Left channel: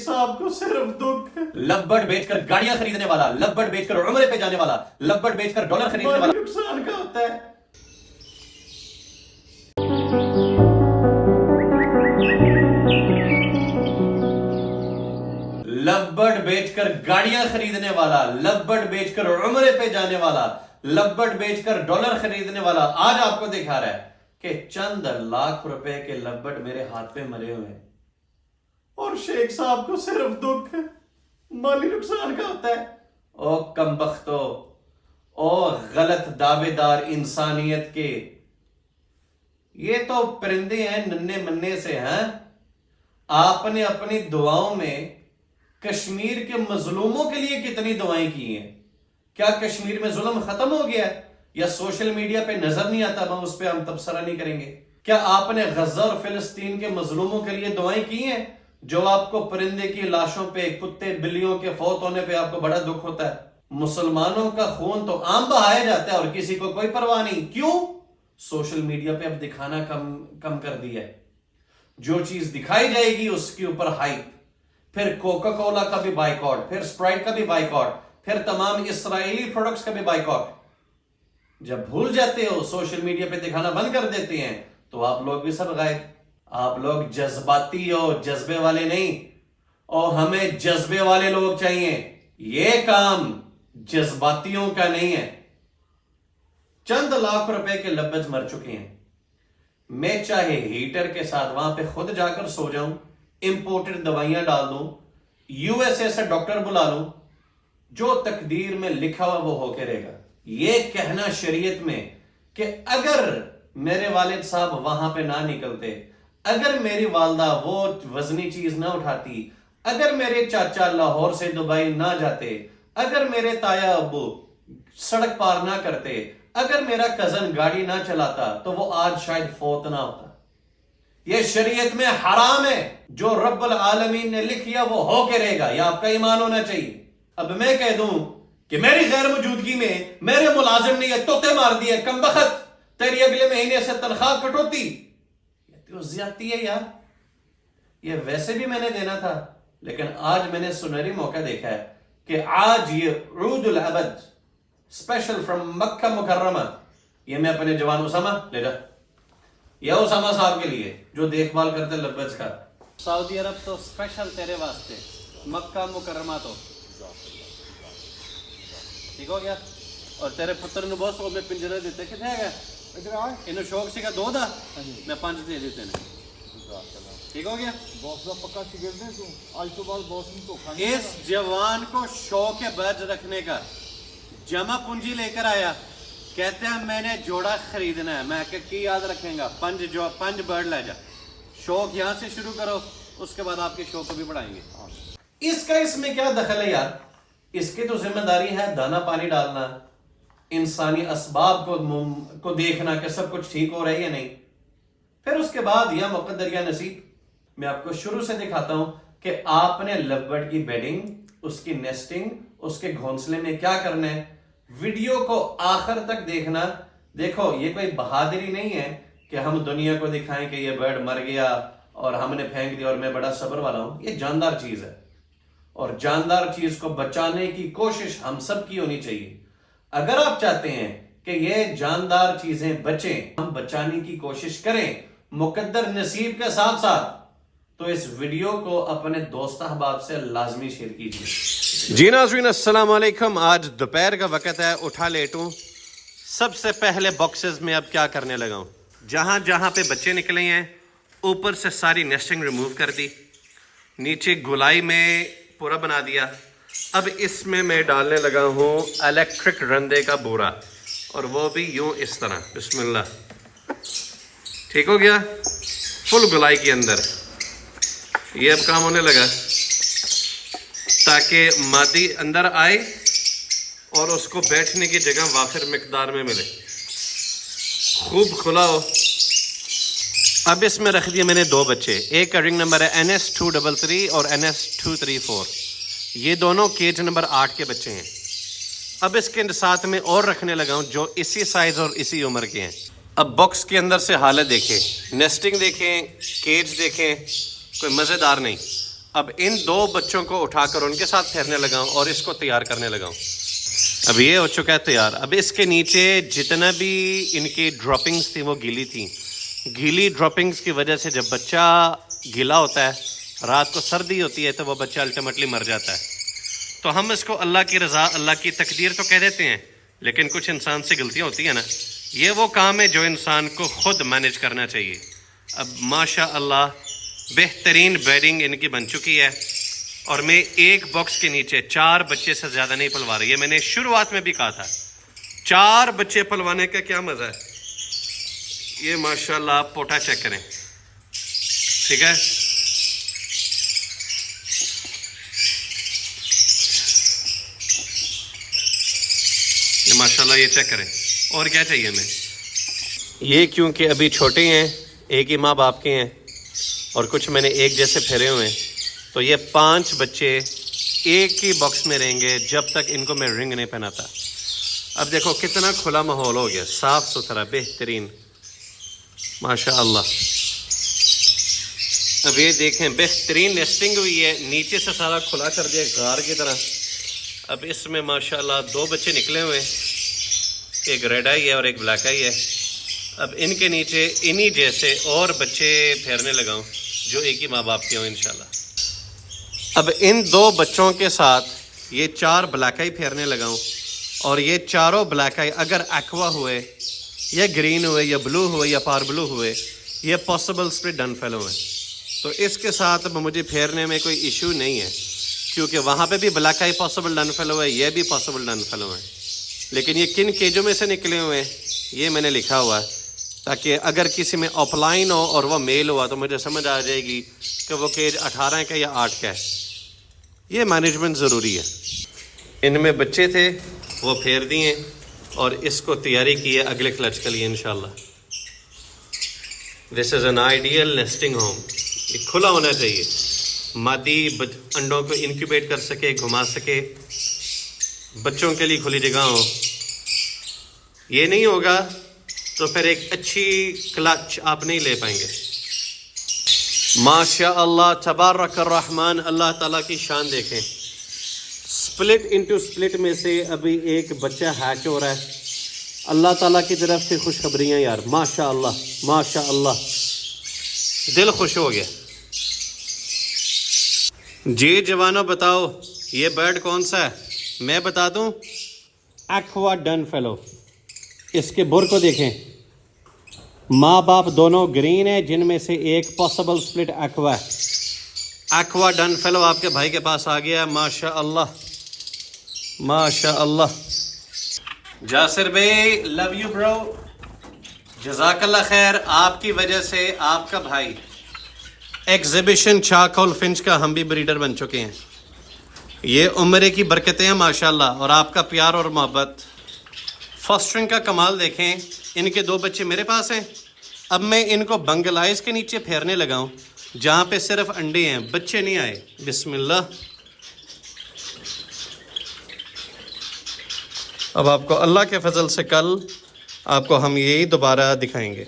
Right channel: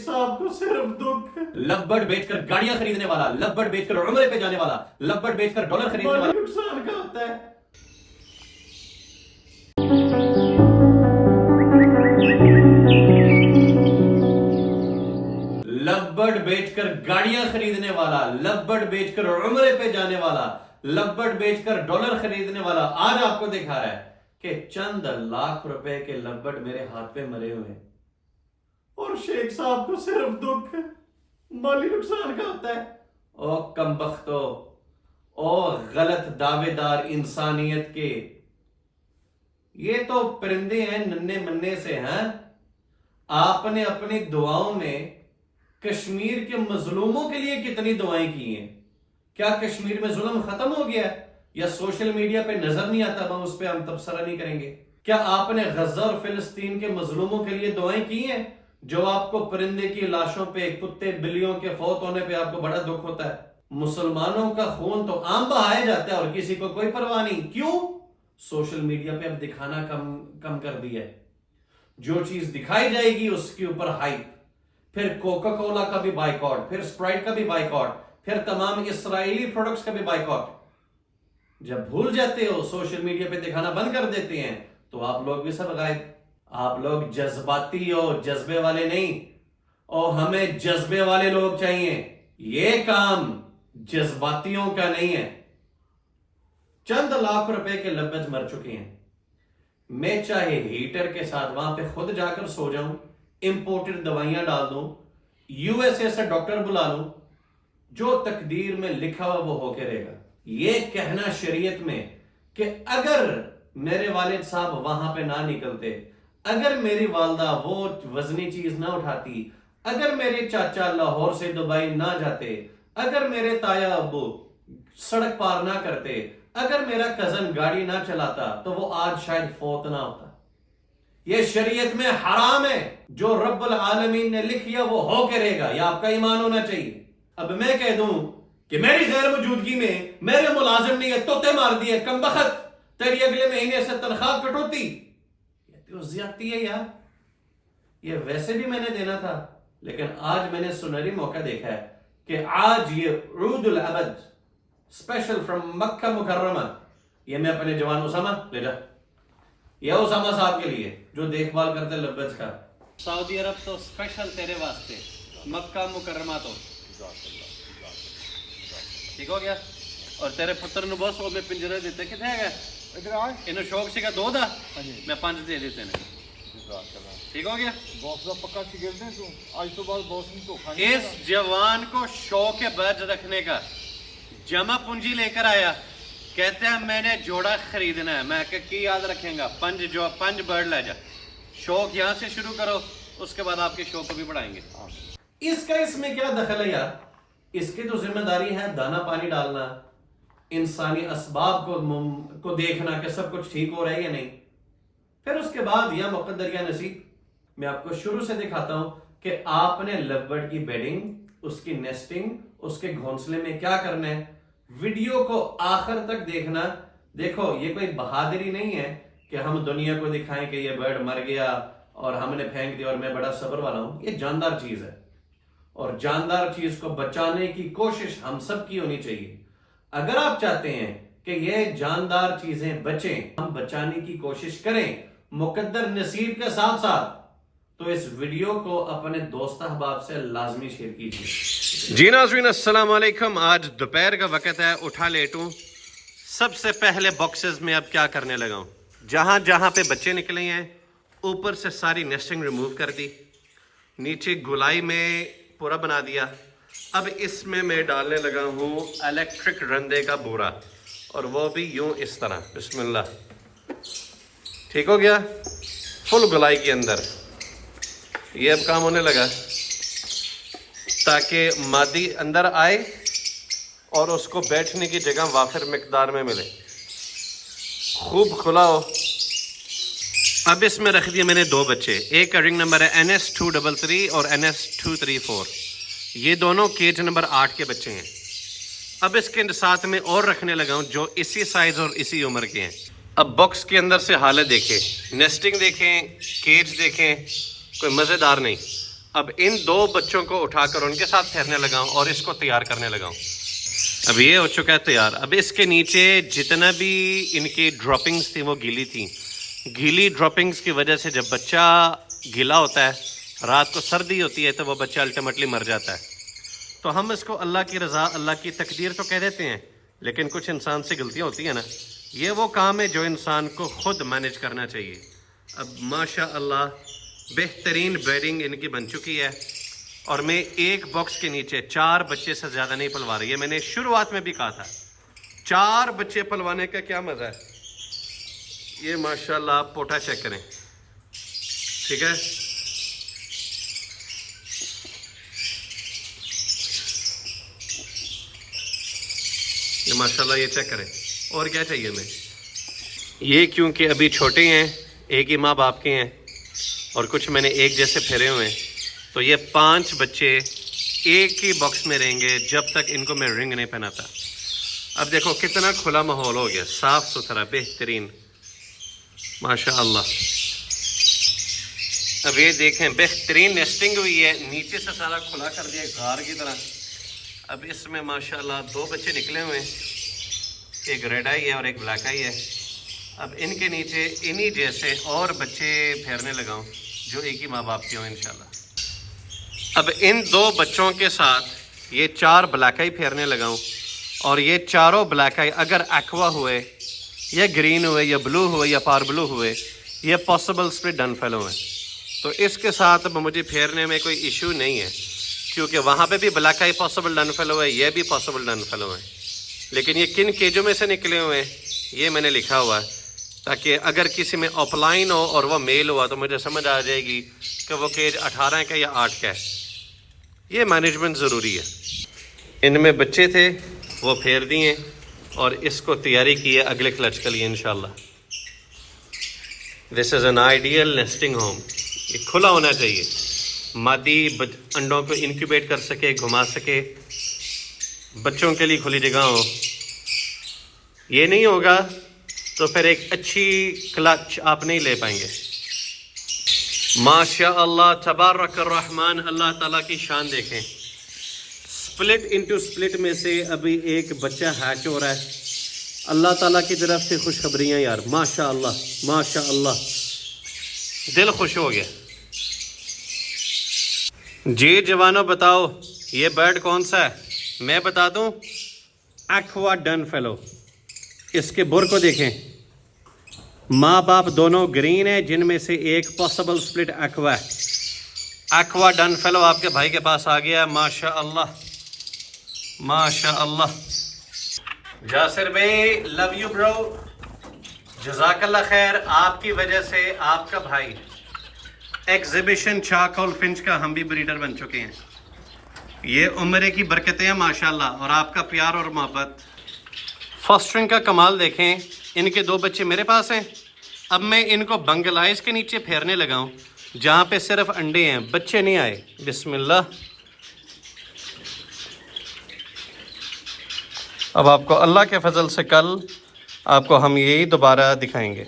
صاحب کو صرف دکھ لو برڈ بیچ کر گاڑیاں خریدنے والا، لو برڈ بیچ کر عمرے پہ جانے والا، لو برڈ بیچ کر ڈالر خریدنے والا نقصان کا ہوتا ہے۔ لو برڈ بیچ کر گاڑیاں خریدنے والا، لو برڈ بیچ کر عمرے پہ جانے والا، لو برڈ بیچ کر ڈالر خریدنے والا آج آپ کو دکھا رہا ہے کہ چند لاکھ روپے کے لو برڈ میرے ہاتھ پہ مرے ہوئے ہیں، اور شیخ صاحب کو صرف دکھ مالی نقصان کا ہوتا ہے۔ او کمبختو، او غلط دعوے دار انسانیت کے، یہ تو پرندے ہیں ننے مننے سے ہیں۔ آپ نے اپنی دعاؤں میں کشمیر کے مظلوموں کے لیے کتنی دعائیں کی ہیں؟ کیا کشمیر میں ظلم ختم ہو گیا ہے؟ یا سوشل میڈیا پہ نظر نہیں آتا، ہم اس پہ ہم تبصرہ نہیں کریں گے؟ کیا آپ نے غزہ اور فلسطین کے مظلوموں کے لیے دعائیں کی ہیں؟ جو آپ کو پرندے کی لاشوں پہ، کتے بلیوں کے فوت ہونے پہ آپ کو بڑا دکھ ہوتا ہے۔ مسلمانوں کا خون تو عام بہایا جاتا ہے اور کسی کو کوئی پرواہ نہیں۔ کیوں؟ سوشل میڈیا پہ اب دکھانا کم کر دیا ہے۔ جو چیز دکھائی جائے گی اس کے اوپر ہائپ، پھر کوکا کولا کا بھی بائیکاٹ، پھر اسپرائٹ کا بھی بائیکاٹ، پھر تمام اسرائیلی پروڈکٹس کا بھی بائیکاٹ۔ جب بھول جاتے ہو، سوشل میڈیا پہ دکھانا بند کر دیتے ہیں، تو آپ لوگ بھی سب غائب۔ آپ لوگ جذباتی ہو، جذبے والے نہیں، اور ہمیں جذبے والے لوگ چاہیے۔ یہ کام جذباتیوں کا نہیں ہے۔ چند لاکھ روپے کے لبج مر چکے ہیں، میں چاہے ہیٹر کے ساتھ وہاں پہ خود جا کر سو جاؤں، امپورٹڈ دوائیاں ڈال دوں، یو ایس اے سے ڈاکٹر بلا لوں، جو تقدیر میں لکھا ہوا وہ ہو کے رہے گا۔ یہ کہنا شریعت میں کہ اگر میرے والد صاحب وہاں پہ نہ نکلتے، اگر میری والدہ وہ وزنی چیز نہ اٹھاتی، اگر میرے چاچا لاہور سے دبئی نہ جاتے، اگر میرے تایا ابو سڑک پار نہ کرتے، اگر میرا کزن گاڑی نہ چلاتا، تو وہ آج شاید فوت نہ ہوتا۔ یہ شریعت میں حرام ہے۔ جو رب العالمین نے لکھ لیا وہ ہو کے رہے گا، یہ آپ کا ایمان ہونا چاہیے۔ اب میں کہہ دوں کہ میری غیر موجودگی میں میرے ملازم نے یہ توتے مار دیے، کمبخت تیری اگلے مہینے سے تنخواہ کٹوتی، زیادتی ہے یار۔ یہ ویسے بھی میں نے دینا تھا، لیکن آج میں نے سنہری موقع دیکھا ہے کہ آج یہ عود الابد اسپیشل فرام مکہ مکرمہ، یہ میں اپنے جوان اسامہ لے جا، یہ اسامہ صاحب کے لیے جو دیکھ بھال کرتے لبج کا۔ سعودی عرب تو اسپیشل تیرے واسطے، مکہ مکرمہ تو ٹھیک ہو گیا۔ اور تیرے پتر نو بہت سو میں پنجرے دیتے کتنے گئے انہوں شوق سے کا دو دا میں 5 دے دیتے ہیں، ٹھیک ہو گیا۔ اس جوان کو شوق برج رکھنے کا، جمع پونجی لے کر آیا، کہتے ہیں میں نے جوڑا خریدنا ہے، میں کہ کی یاد رکھیں گا، 5 برڈ لے جا۔ شوق یہاں سے شروع کرو، اس کے بعد آپ کے شوق کو بھی بڑھائیں گے۔ اس کا اس میں کیا دخل ہے یار؟ اس کی تو ذمہ داری ہے دانا پانی ڈالنا، انسانی اسباب کو دیکھنا کہ سب کچھ ٹھیک ہو رہا ہے یا نہیں۔ پھر اس کے بعد یا مقدر یا نصیب، میں آپ کو شروع سے دکھاتا ہوں کہ آپ نے لو برڈ کی بیڈنگ، اس کی نیسٹنگ، اس کے گھونسلے میں کیا کرنا ہے۔ ویڈیو کو آخر تک دیکھنا۔ دیکھو یہ کوئی بہادری نہیں ہے کہ ہم دنیا کو دکھائیں کہ یہ برڈ مر گیا اور ہم نے پھینک دیا اور میں بڑا صبر والا ہوں۔ یہ جاندار چیز ہے، اور جاندار چیز کو بچانے کی کوشش ہم سب کی ہونی چاہیے۔ اگر آپ چاہتے ہیں کہ یہ جاندار چیزیں بچیں، ہم بچانے کی کوشش کریں مقدر نصیب کے ساتھ ساتھ، تو اس ویڈیو کو اپنے دوست احباب سے لازمی شیئر کیجیے۔ جی ناظرین السلام علیکم، آج دوپہر کا وقت ہے، اٹھا لیٹوں۔ سب سے پہلے باکسز میں اب کیا کرنے لگا ہوں، جہاں جہاں پہ بچے نکلے ہیں اوپر سے ساری نیسٹنگ ریموو کر دی، نیچے گولائی میں پورا بنا دیا۔ اب اس میں ڈالنے لگا ہوں الیکٹرک رندے کا بورا، اور وہ بھی یوں اس طرح، بسم اللہ، ٹھیک ہو گیا، فل گولائی کے اندر۔ یہ اب کام ہونے لگا تاکہ مادی اندر آئے اور اس کو بیٹھنے کی جگہ وافر مقدار میں ملے، خوب کھلا ہو۔ اب اس میں رکھ دیا میں نے 2 بچے، ایک کا رنگ نمبر ہے NS233 اور NS234، یہ دونوں کیج نمبر 8 کے بچے ہیں۔ اب اس کے ساتھ میں اور رکھنے لگا ہوں جو اسی سائز اور اسی عمر کے ہیں۔ اب باکس کے اندر سے حالت دیکھیں، نیسٹنگ دیکھیں، کیج دیکھیں، کوئی مزیدار نہیں۔ اب ان 2 بچوں کو اٹھا کر ان کے ساتھ پھیرنے لگاؤں اور اس کو تیار کرنے لگاؤں. اب یہ ہو چکا ہے تیار. اب اس کے نیچے جتنا بھی ان کی ڈراپنگز تھیں وہ گیلی تھیں. گیلی ڈراپنگز کی وجہ سے جب بچہ گیلا ہوتا ہے, رات کو سردی ہوتی ہے, تو وہ بچہ الٹیمیٹلی مر جاتا ہے. تو ہم اس کو اللہ کی رضا, اللہ کی تقدیر تو کہہ دیتے ہیں, لیکن کچھ انسان سے غلطیاں ہوتی ہیں نا. یہ وہ کام ہے جو انسان کو خود مینیج کرنا چاہیے. اب ماشاء اللہ بہترین بیڈنگ ان کی بن چکی ہے, اور میں ایک باکس کے نیچے 4 بچے سے زیادہ نہیں پلوا رہی ہے. میں نے شروعات میں بھی کہا تھا 4 بچے پلوانے کا کیا مزہ ہے. یہ ماشاءاللہ آپ پوٹا چیک کریں, ٹھیک ہے. یہ ماشاءاللہ یہ چیک کریں. اور کیا چاہیے ہمیں. یہ کیونکہ ابھی چھوٹے ہیں, ایک ہی ماں باپ کے ہیں, اور کچھ میں نے ایک جیسے پھیرے ہوئے ہیں, تو یہ 5 بچے ایک ہی باکس میں رہیں گے جب تک ان کو میں رنگ نہیں پہناتا. اب دیکھو کتنا کھلا ماحول ہو گیا, صاف ستھرا بہترین ماشاء اللہ. اب یہ دیکھیں بہترین نیسٹنگ ہوئی ہے, نیچے سے سارا کھلا کر دیا غار کی طرح. اب اس میں ماشاءاللہ 2 بچے نکلے ہوئے ہیں, ایک ریڈ آئی ہے اور ایک بلیک آئی ہے. اب ان کے نیچے انہی جیسے اور بچے پھیرنے لگاؤں جو ایک ہی ماں باپ کے ہوں انشاءاللہ. اب ان 2 بچوں کے ساتھ یہ 4 بلیک آئی پھیرنے لگاؤں, اور یہ چاروں بلیک آئی اگر ایکوا ہوئے یا گرین ہوئے یا بلو ہوئے یا پار بلو ہوئے, یہ پاسبل اسپلٹ ڈن فیلو ہیں. تو اس کے ساتھ اب مجھے پھیرنے میں کوئی ایشو نہیں ہے, کیونکہ وہاں پہ بھی بلیک آئی پاسبل ڈن فیلو ہے, یہ بھی پاسبل ڈن فیلو ہیں. لیکن یہ کن کیجوں میں سے نکلے ہوئے ہیں یہ میں نے لکھا ہوا ہے, تاکہ اگر کسی میں آف لائن ہو اور وہ میل ہوا تو مجھے سمجھ آ جائے گی کہ وہ کیج 18 کا یا 8 کا ہے. یہ مینجمنٹ ضروری ہے. ان میں بچے تھے وہ پھیر دیے, اور اس کو تیاری کی ہے اگلے کلچ کے لیے انشاءاللہ. This is an ideal nesting home. یہ کھلا ہونا چاہیے, مادی انڈوں کو انکیوبیٹ کر سکے, گھما سکے, بچوں کے لیے کھلی جگہ ہو. یہ نہیں ہوگا تو پھر ایک اچھی کلچ آپ نہیں لے پائیں گے. ماشاء اللہ تبارک الرحمن. اللہ تعالیٰ کی شان دیکھیں. سپلٹ انٹو سپلٹ میں سے ابھی ایک بچہ ہیچ ہو رہا ہے. اللہ تعالیٰ کی طرف سے خوشخبریاں یار, ماشاء اللہ ماشاء اللہ, دل خوش ہو گیا. جی جوانوں بتاؤ یہ برڈ کون سا ہے؟ میں بتا دوں, ایکوا ڈن فیلو. اس کے بر کو دیکھیں, ماں باپ دونوں گرین ہیں, جن میں سے ایک پاسبل سپلٹ ایکوا ہے. ایکوا ڈن فیلو آپ کے بھائی کے پاس آ گیا. ماشاء اللہ ماشاء اللہ. جاسر بھائی لو یو برو, جزاک اللہ خیر. آپ کی وجہ سے آپ کا بھائی ایگزیبیشن چاکول فنچ کا ہم بھی بریڈر بن چکے ہیں. یہ عمرے کی برکتیں ہیں ماشاءاللہ, اور آپ کا پیار اور محبت. فاسٹرنگ کا کمال دیکھیں. ان کے 2 بچے میرے پاس ہیں. اب میں ان کو بنگلائز کے نیچے پھیرنے لگاؤں جہاں پہ صرف انڈے ہیں, بچے نہیں آئے. بسم اللہ. اب آپ کو اللہ کے فضل سے کل آپ کو ہم یہی دوبارہ دکھائیں گے.